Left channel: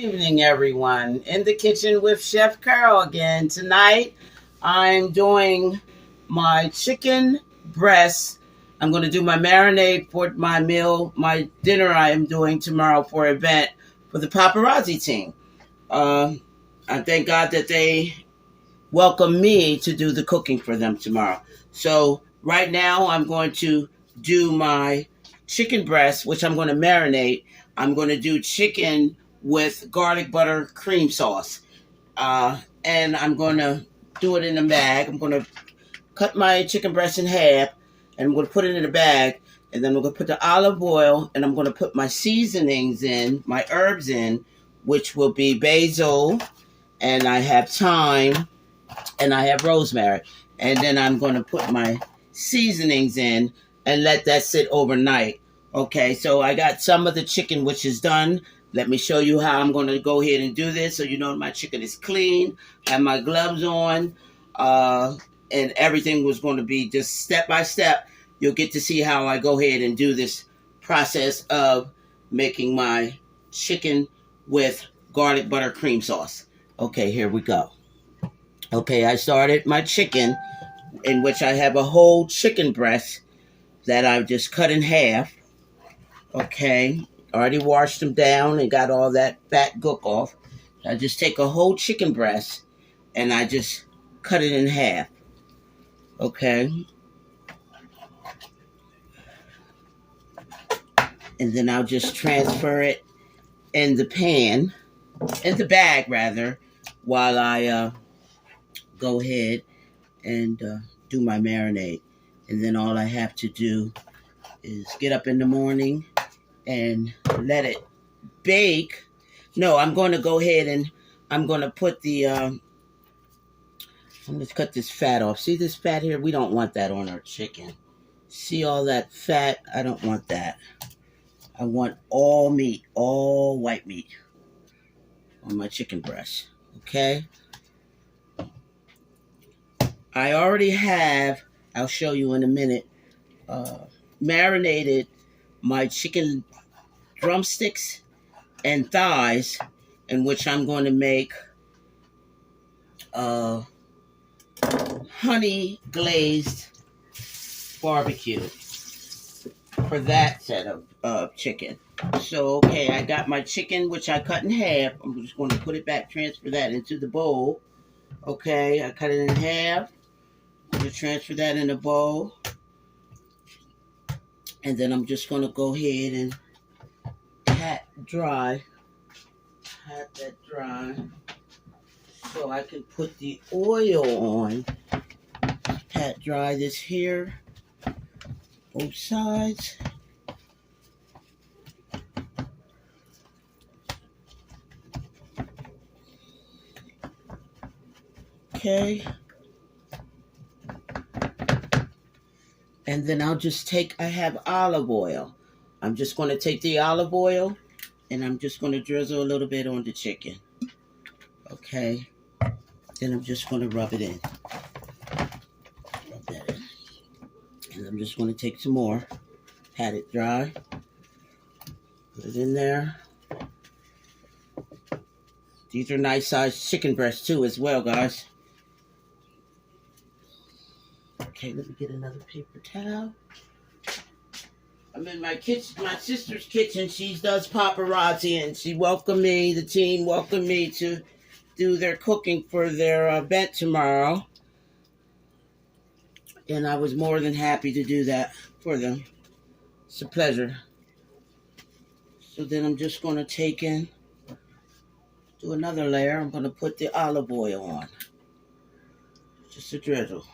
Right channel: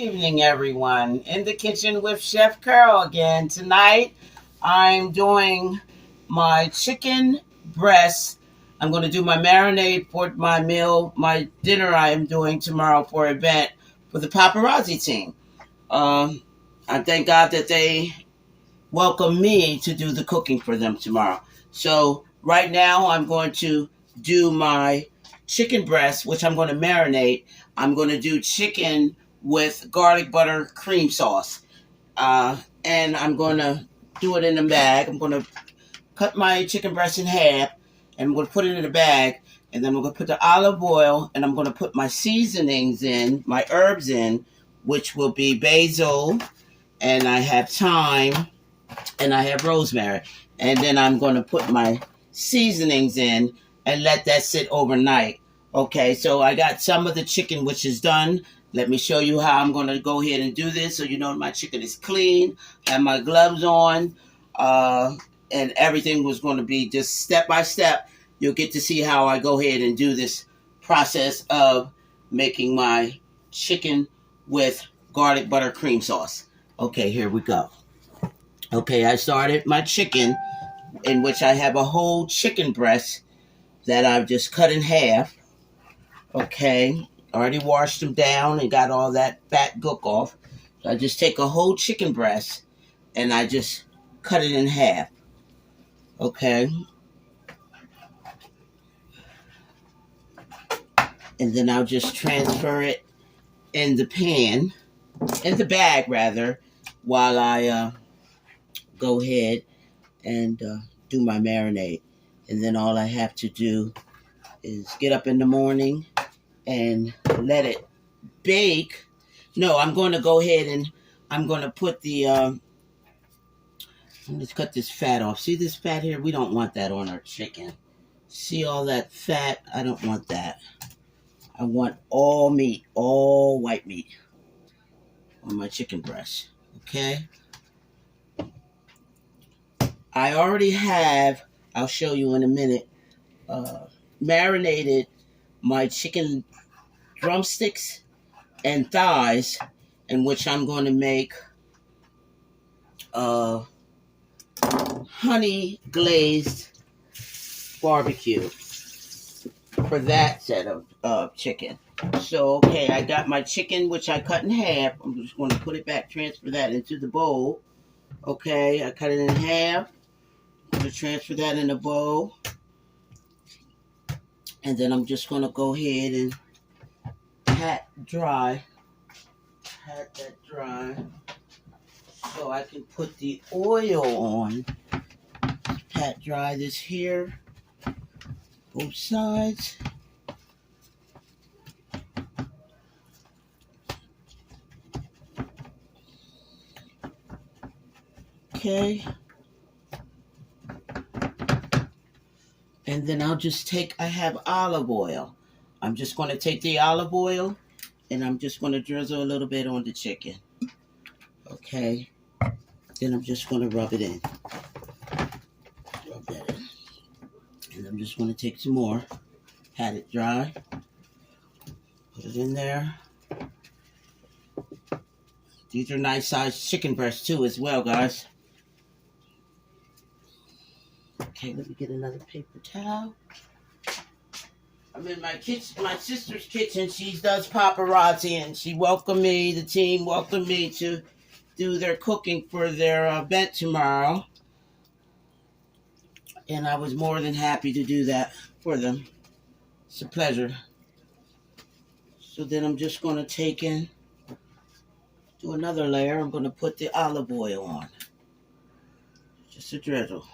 Evening, everyone. In the kitchen with Chef Carol again. Tonight, I'm doing my chicken breast. I'm going to do my marinade for my meal, my dinner I am doing tomorrow for an event for the paparazzi team. I thank God that they welcome me to do the cooking for them tomorrow. So right now, I'm going to do my chicken breast, which I'm going to marinate. I'm going to do chicken with garlic butter cream sauce. And I'm going to do it in a bag. I'm going to cut my chicken breast in half and I'm going to put it in a bag. And then I'm going to put the olive oil and I'm going to put my seasonings in, my herbs in, which will be basil, and I have thyme, and I have rosemary. And then I'm going to put my seasonings in and let that sit overnight. Okay, so I got some of the chicken which is done. Let me show you how I'm going to go ahead and do this so you know my chicken is clean. I have my gloves on, and everything was going to be just step by step. You'll get to see how I go ahead and do this process of making my chicken with garlic butter cream sauce. Okay, here we go. Okay, I started my chicken, in which I have a whole chicken breast that I've just cut in half. Okay, already washed them down and got all that fat gook off. So I just take a whole chicken breast and I just cut it in half. Okay, and then I'll just transfer it in the pan, in the bag rather, while I go ahead and do my marinade. And then all I have to do is get up in the morning and let it bake. No, I'm going to go ahead and I'm going to put the, I'm going to cut this fat off. See this fat here? We don't want that on our chicken. See all that fat? I don't want that. I want all meat, all white meat on my chicken breast. Okay? I already have, I'll show you in a minute, marinated my chicken drumsticks and thighs, in which I'm going to make honey glazed barbecue for that set of chicken. So, okay, I got my chicken, which I cut in half. I'm just going to put it back, transfer that into the bowl. Okay, I cut it in half. I'm going to transfer that in the bowl. And then I'm just going to go ahead and pat that dry so I can put the oil on. Pat dry this here, both sides. Okay. And then I'll just take, I have olive oil. I'm just going to take the olive oil and I'm just going to drizzle a little bit on the chicken. Okay. Then I'm just going to rub it in. Rub that in. And I'm just going to take some more. Pat it dry. Put it in there. These are nice sized chicken breasts too as well, guys. Okay, let me get another paper towel. I'm in my kitchen, my sister's kitchen. She does paparazzi, and she welcomed me. The team welcomed me to do their cooking for their event tomorrow, and I was more than happy to do that for them. It's a pleasure. So then I'm just going to take in, do another layer. I'm going to put the olive oil on, just a drizzle.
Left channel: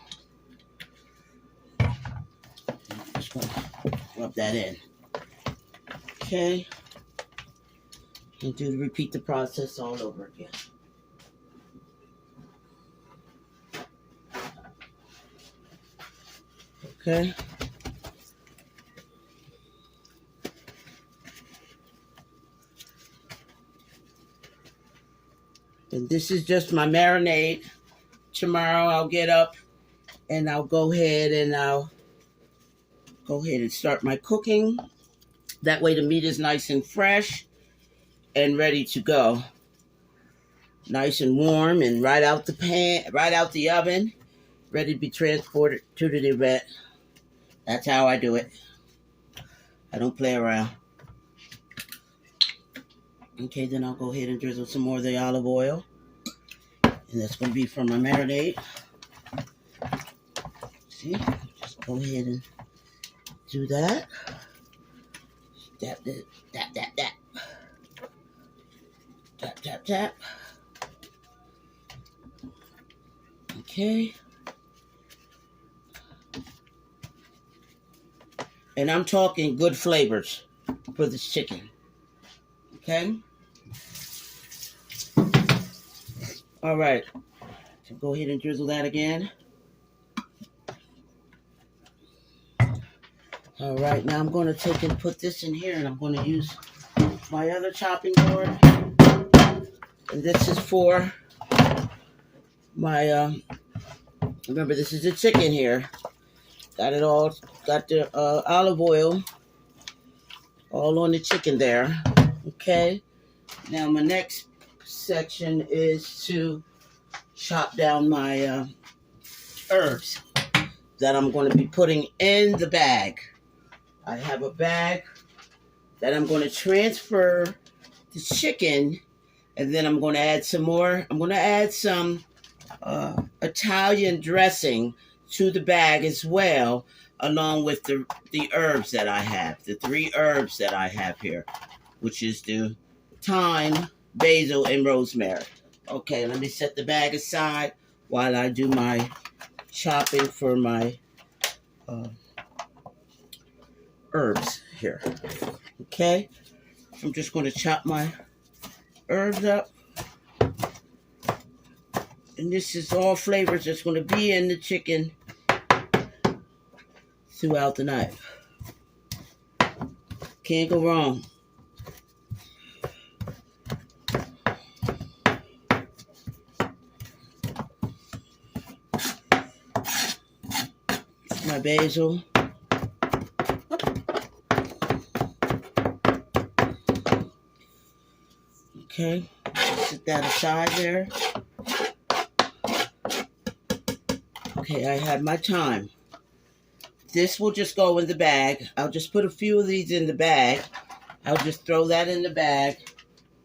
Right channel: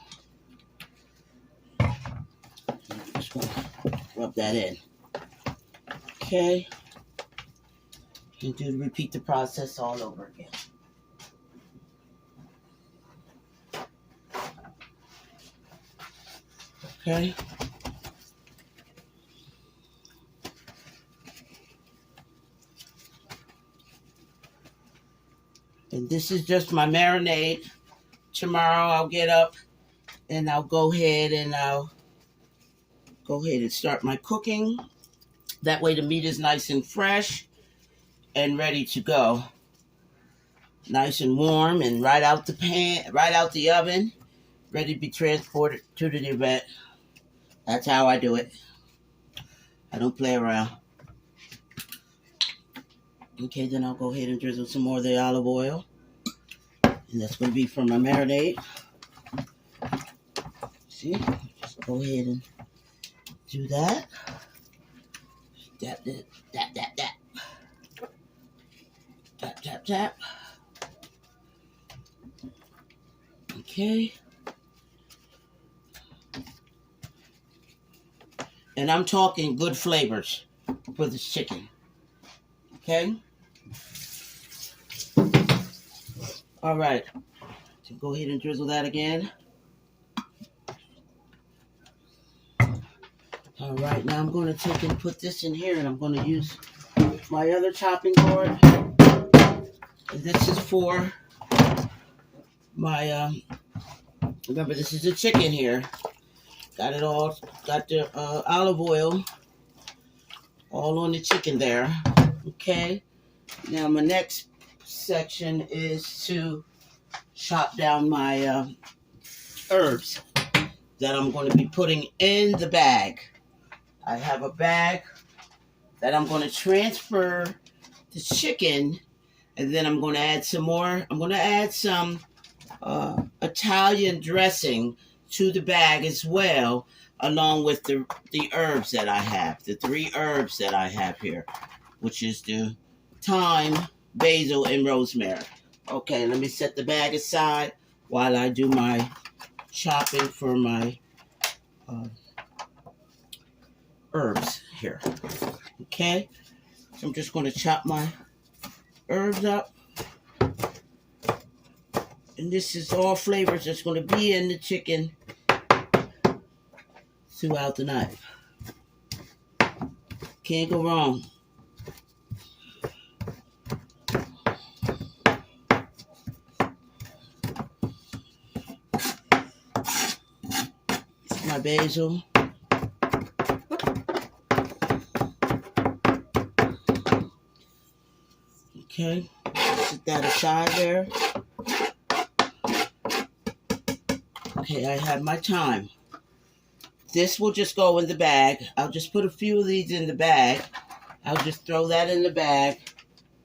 Just going to rub that in. Okay. And repeat the process all over again. Okay. And this is just my marinade. Tomorrow I'll get up and I'll go ahead and start my cooking. That way the meat is nice and fresh and ready to go. nice and warm and right out the pan, right out the oven, ready to be transported to the event. That's how I do it. I don't play around. Okay, then I'll go ahead and drizzle some more of the olive oil. And that's going to be for my marinade. See? Just go ahead and do that. Tap, tap, tap, tap, tap. Tap, tap, tap. Okay. And I'm talking good flavors for this chicken. Okay? All right. So go ahead and drizzle that again. All right. Now I'm going to take and put this in here, and I'm going to use my other chopping board. And this is for my, remember, this is the chicken here. Got it all, got the olive oil all on the chicken there. Okay. Now my next section is to chop down my herbs that I'm going to be putting in the bag. I have a bag that I'm going to transfer the chicken, and then I'm going to add some more. I'm going to add some Italian dressing to the bag as well, along with the herbs that I have, the 3 herbs that I have here, which is the thyme, basil, and rosemary. Okay, let me set the bag aside while I do my chopping for my herbs here. Okay, I'm just going to chop my herbs up. And this is all flavors that's going to be in the chicken throughout the night. Can't go wrong. My basil. Okay, set that aside there. Okay, I have my thyme. This will just go in the bag. I'll just put a few of these in the bag. I'll just throw that in the bag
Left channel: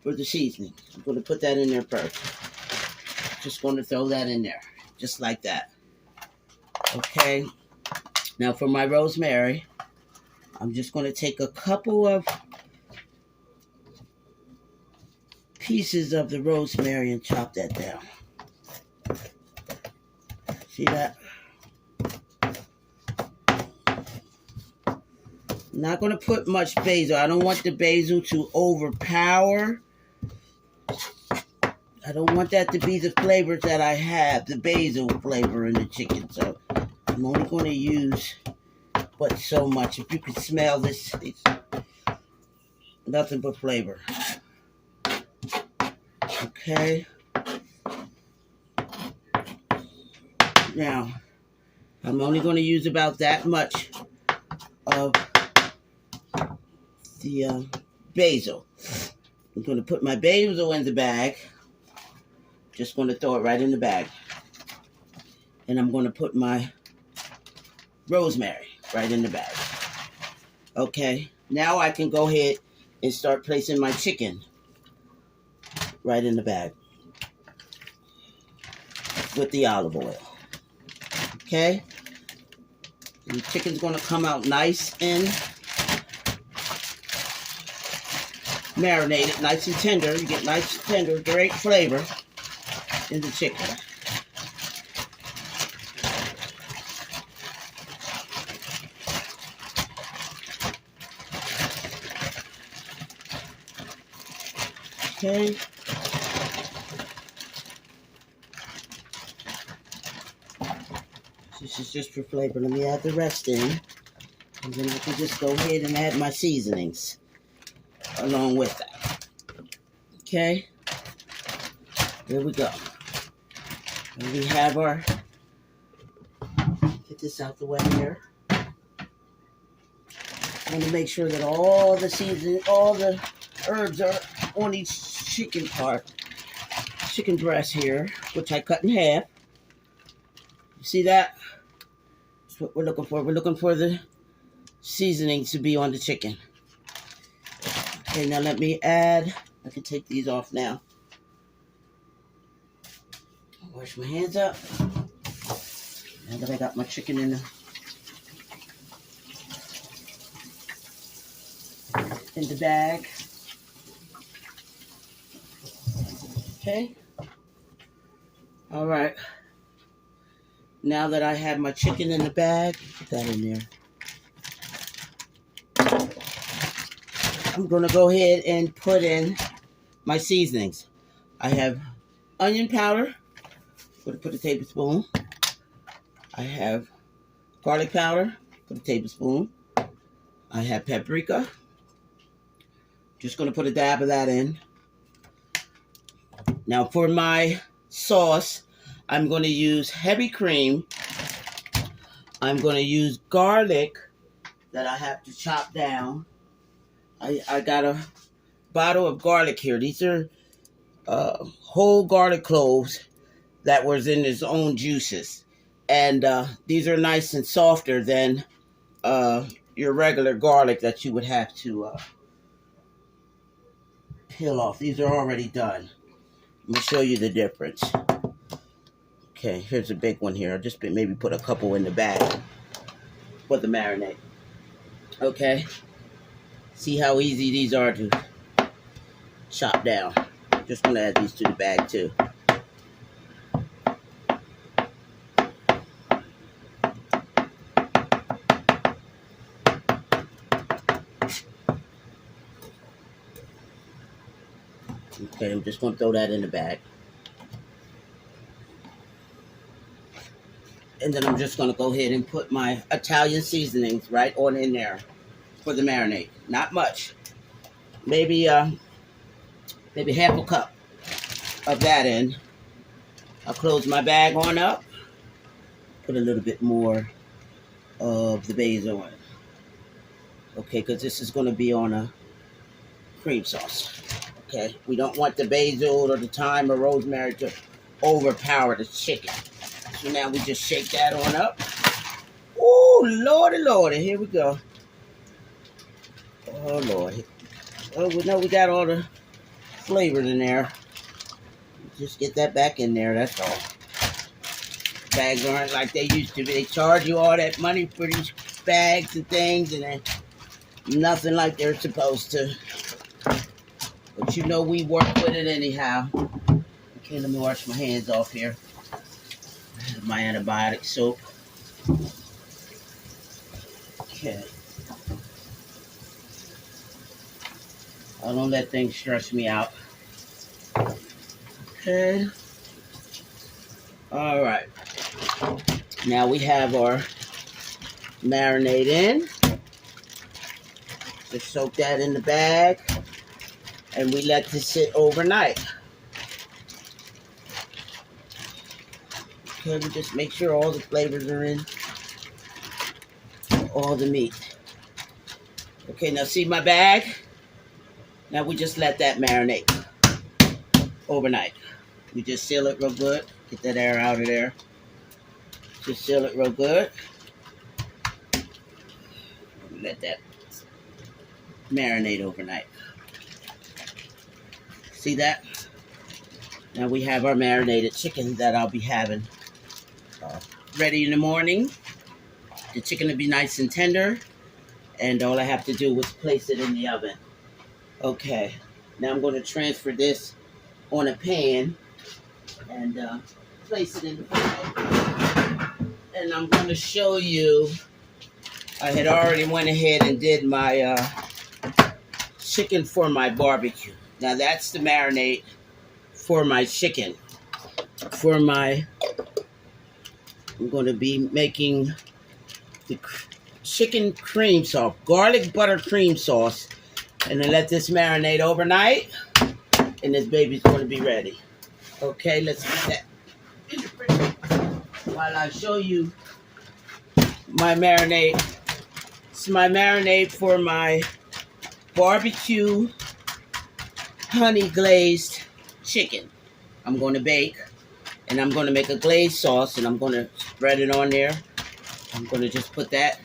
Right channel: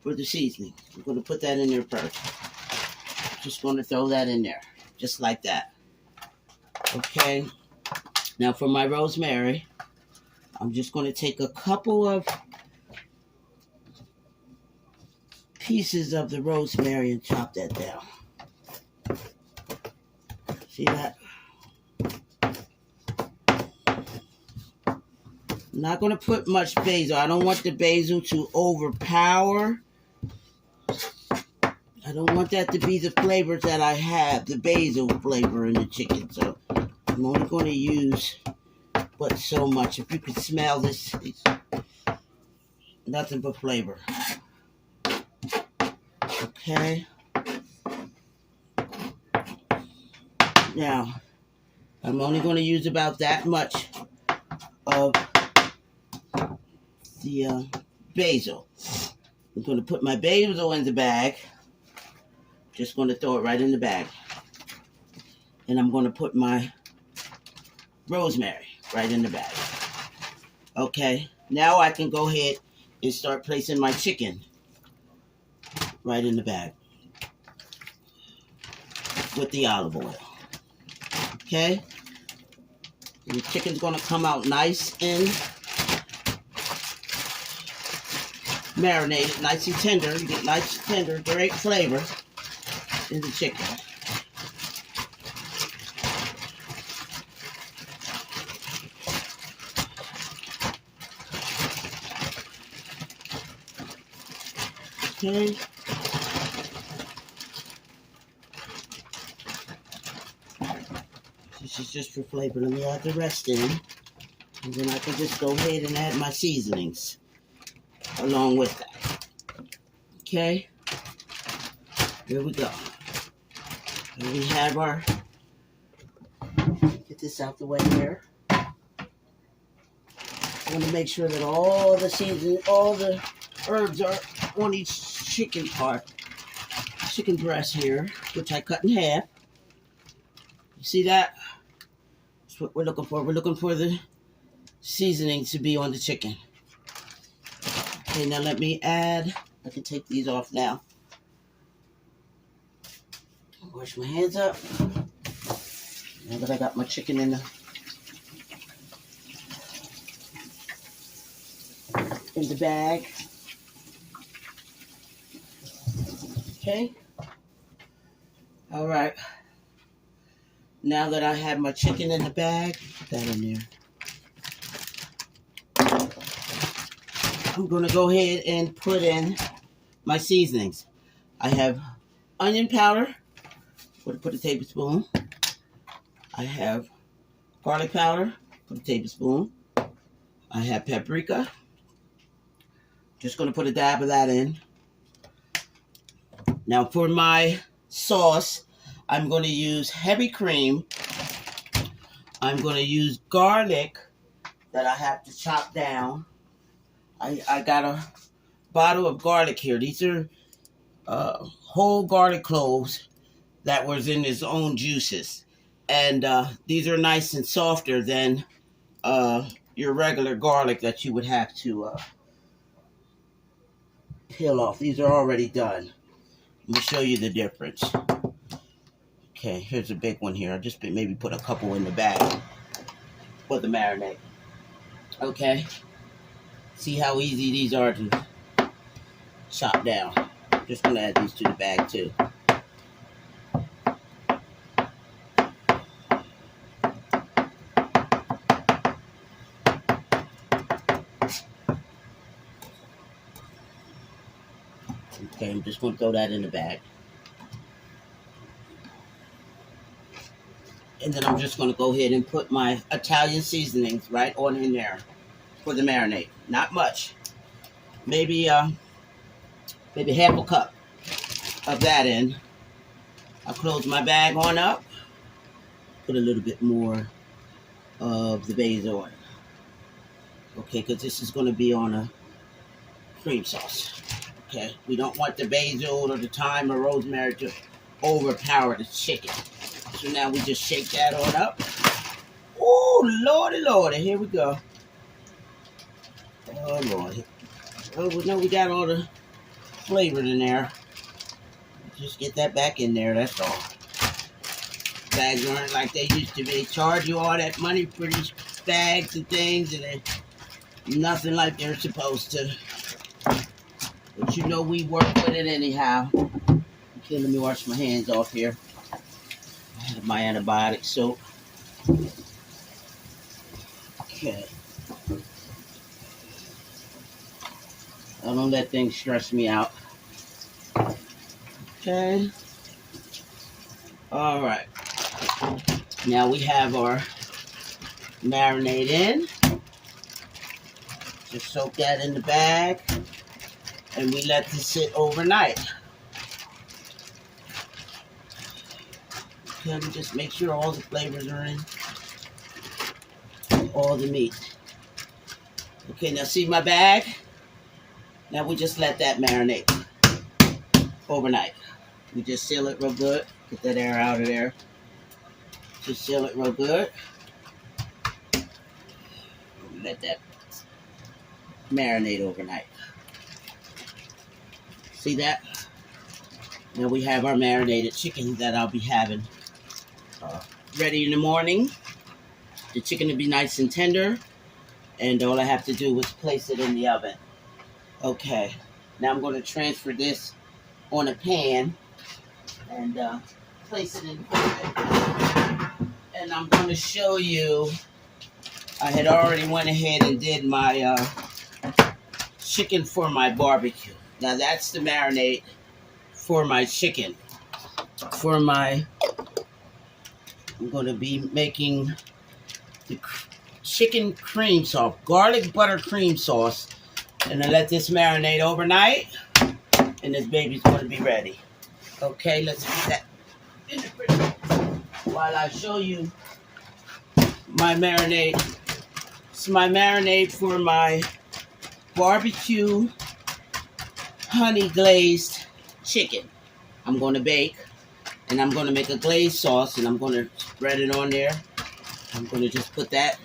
for the seasoning. I'm going to put that in there first. Just going to throw that in there, just like that. Okay. Now for my rosemary, I'm just going to take a couple of pieces of the rosemary and chop that down. See that? I'm not going to put much basil. I don't want the basil to overpower. I don't want that to be the flavors that I have, the basil flavor in the chicken. So I'm only going to use but so much. If you can smell this, it's nothing but flavor. Okay. Now, I'm only going to use about that much of the basil. I'm going to put my basil in the bag. Just going to throw it right in the bag. And I'm going to put my rosemary right in the bag. Okay. Now I can go ahead and start placing my chicken right in the bag with the olive oil. Okay. And the chicken's going to come out nice and marinated, nice and tender. You get nice and tender, great flavor in the chicken. Okay. This is just for flavor. Let me add the rest in. And then I can just go ahead and add my seasonings along with that. Okay. Here we go. And we have our, get this out the way here. I want to make sure that all the seasoning, all the herbs are on each chicken part. chicken breast here, which I cut in half. You see that? That's what we're looking for. We're looking for the seasoning to be on the chicken. Okay, now let me add, I can take these off now. Wash my hands up. Now that I got my chicken in the bag. Okay. All right. Now that I have my chicken in the bag, put that in there. I'm going to go ahead and put in my seasonings. I have onion powder. Put a tablespoon. I have garlic powder. Put a tablespoon. I have paprika. Just going to put a dab of that in. Now for my sauce, I'm going to use heavy cream. I'm going to use garlic that I have to chop down. I got a bottle of garlic here. These are whole garlic cloves that was in its own juices. And these are nice and softer than your regular garlic that you would have to peel off. These are already done. Let me show you the difference. Okay, here's a big one here. I'll just maybe put a couple in the bag for the marinade. Okay. See how easy these are to chop down. Just going to add these to the bag too. Okay, I'm just going to throw that in the bag. And then I'm just going to go ahead and put my Italian seasonings right on in there for the marinade. Not much. Maybe half a cup of that in. I'll close my bag on up. Put a little bit more of the basil in. Okay, because this is going to be on a cream sauce. Okay, we don't want the basil or the thyme or rosemary to overpower the chicken. So now we just shake that on up. Oh, lordy, lordy, here we go. Oh, Lord. Oh, we know we got all the flavors in there. Just get that back in there, that's all. Bags aren't like they used to be. They charge you all that money for these bags and things, and then nothing like they're supposed to. But you know we work with it anyhow. Okay, let me wash my hands off here. I have my antibiotic soap. Okay. I don't let things stress me out. Okay. All right. Now we have our marinade in. Just soak that in the bag. And we let this sit overnight. Okay, we just make sure all the flavors are in. All the meat. Okay, now see my bag? Now we just let that marinate overnight. We just seal it real good. Get that air out of there. Just seal it real good. Let that marinate overnight. See that? Now we have our marinated chicken that I'll be having ready in the morning. The chicken will be nice and tender. And all I have to do is place it in the oven. Okay. Now I'm going to transfer this on a pan and place it in the pan. And I'm going to show you, I had already went ahead and did my chicken for my barbecue. Now that's the marinade for my chicken. I'm going to be making the chicken cream sauce, garlic butter cream sauce. And I let this marinate overnight. And this baby's going to be ready. Okay, let's put that in the fridge while I show you my marinade. It's my marinade for my barbecue honey glazed chicken. I'm going to bake, and I'm going to make a glazed sauce, and I'm going to spread it on there. I'm going to just put that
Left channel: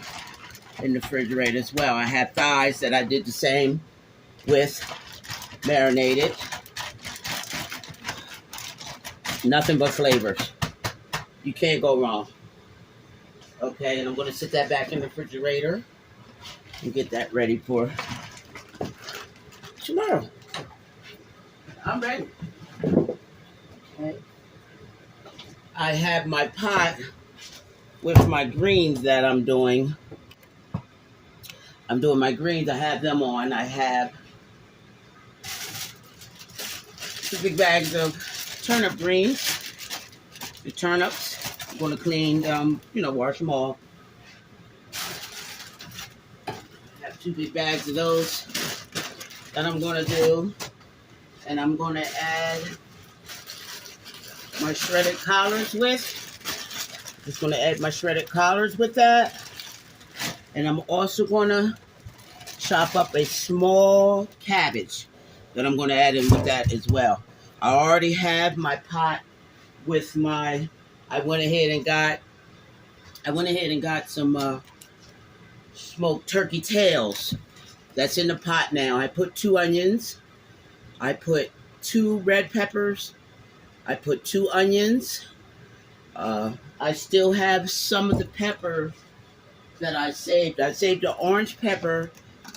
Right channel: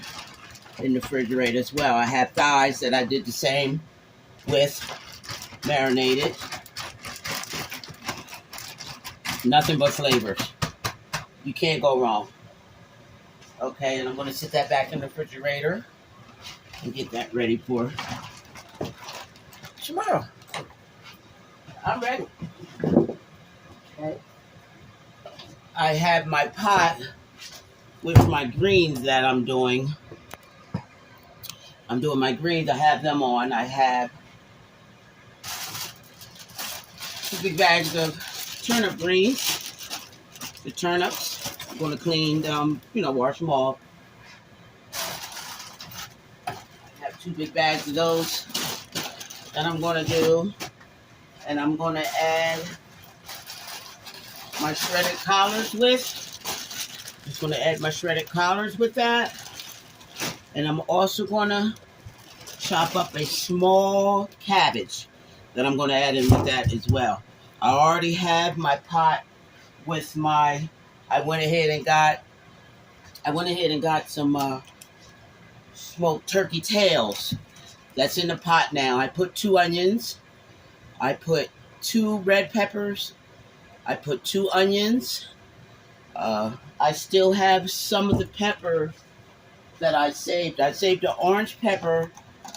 in the refrigerator as well. I have thighs that I did the same with, marinated. Nothing but flavors. You can't go wrong. Okay, and I'm going to sit that back in the refrigerator and get that ready for tomorrow. I'm ready. Okay. I have my pot with my greens that I'm doing. I'm doing my greens. I have them on. I have 2 big bags of turnip greens. The turnips. I'm going to clean them, wash them off. I have 2 big bags of those that I'm going to do. And I'm going to add my shredded collards with. Just going to add my shredded collards with that. And I'm also going to chop up a small cabbage that I'm going to add in with that as well. I already have my pot with my, I went ahead and got some smoked turkey tails. That's in the pot now. I put 2 onions. I put 2 red peppers. I put 2 onions. I still have some of the pepper that I saved. I saved the orange pepper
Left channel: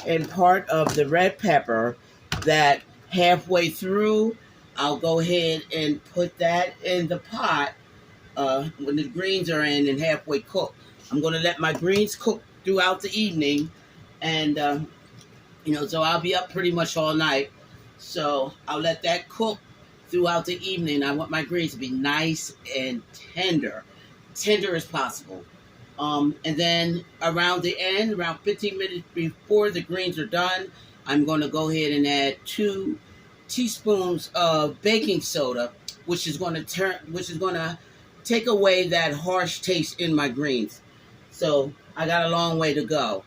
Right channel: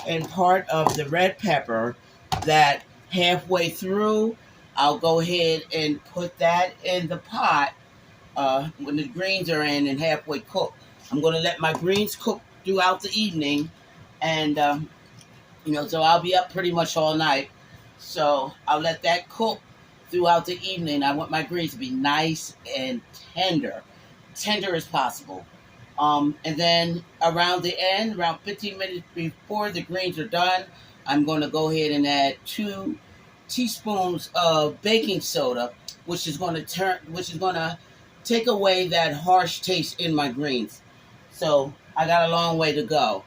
and part of the red pepper that halfway through, I'll go ahead and put that in the pot when the greens are in and halfway cooked. I'm going to let my greens cook throughout the evening. And, so I'll be up pretty much all night. So I'll let that cook throughout the evening. I want my greens to be nice and tender as possible. And then around the end, around 15 minutes before the greens are done, I'm going to go ahead and add 2 teaspoons of baking soda, which is going to take away that harsh taste in my greens. So I got a long way to go.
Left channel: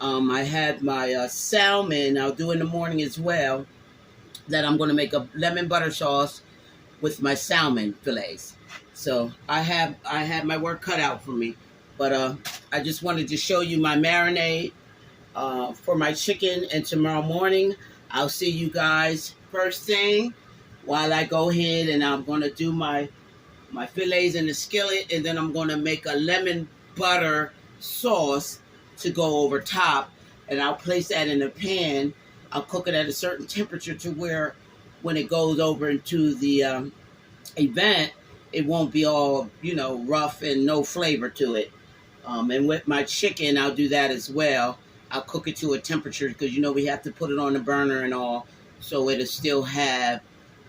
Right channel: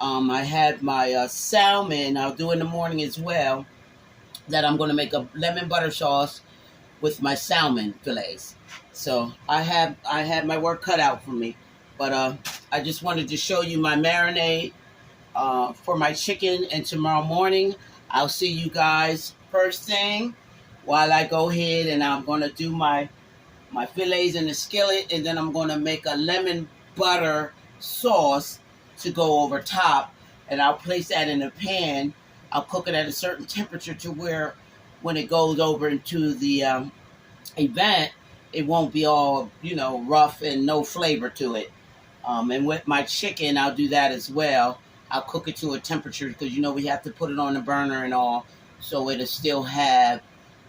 I have my salmon I'll do in the morning as well, that I'm going to make a lemon butter sauce with my salmon fillets. So I have my work cut out for me. But I just wanted to show you my marinade for my chicken. And tomorrow morning, I'll see you guys first thing while I go ahead and I'm going to do my fillets in the skillet. And then I'm going to make a lemon butter sauce to go over top. And I'll place that in a pan. I'll cook it at a certain temperature to where when it goes over into the event, it won't be all, rough and no flavor to it. And with my chicken, I'll do that as well. I'll cook it to a temperature because, we have to put it on the burner and all. So it'll still have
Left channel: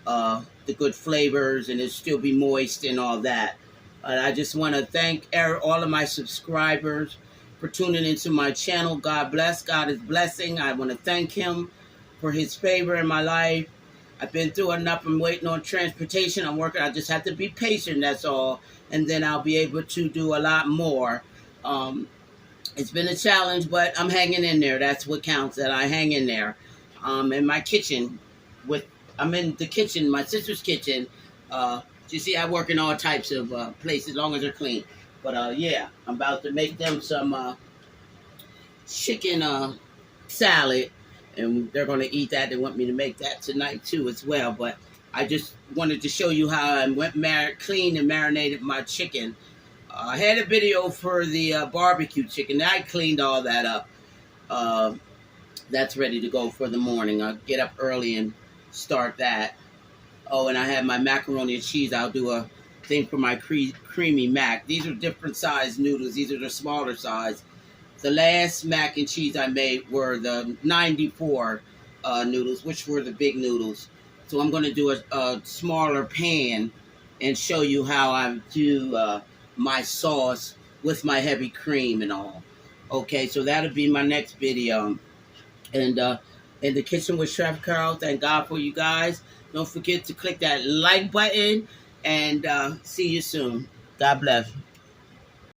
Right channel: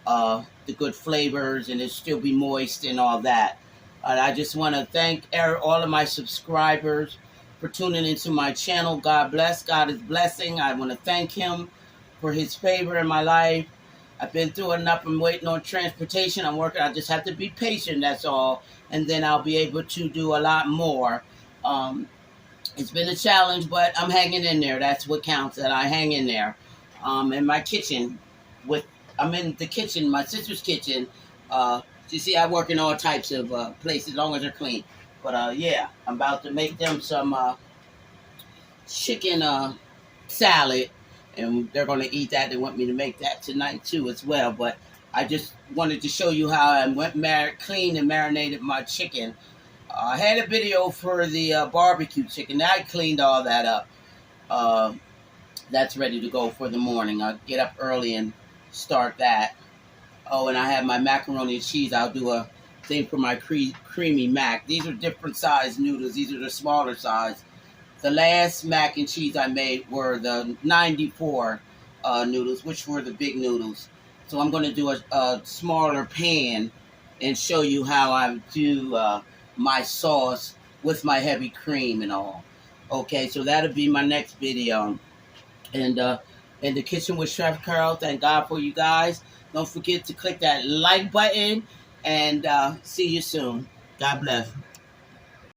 the good flavors and it'll still be moist and all that. And I just want to thank all of my subscribers for tuning into my channel. God bless. God is blessing. I want to thank him for his favor in my life. I've been through enough. I'm waiting on transportation. I'm working. I just have to be patient. That's all. And then I'll be able to do a lot more. It's been a challenge, but I'm hanging in there. That's what counts, that I hang in there. In my kitchen, I'm in the kitchen, my sister's kitchen. You see, I work in all types of places, as long as they're clean. But yeah, I'm about to make them some chicken salad, and they're going to eat that. They want me to make that tonight too as well. But I just wanted to show you how I cleaned and marinated my chicken. I had a video for the barbecue chicken. I cleaned all that up. That's ready to go for the morning. I'll get up early and start that. Oh, and I have my macaroni and cheese. I'll do a thing for my creamy mac. These are different size noodles. These are the smaller size. The last mac and cheese I made were the 94 noodles, which were the big noodles. So I'm going to do a smaller pan and show you how I do my sauce with my heavy cream and all. Okay, so that'll be my next video. And in the kitchen with Chef Carol, thank God for you guys. Don't forget to click that like button and see you soon. God bless.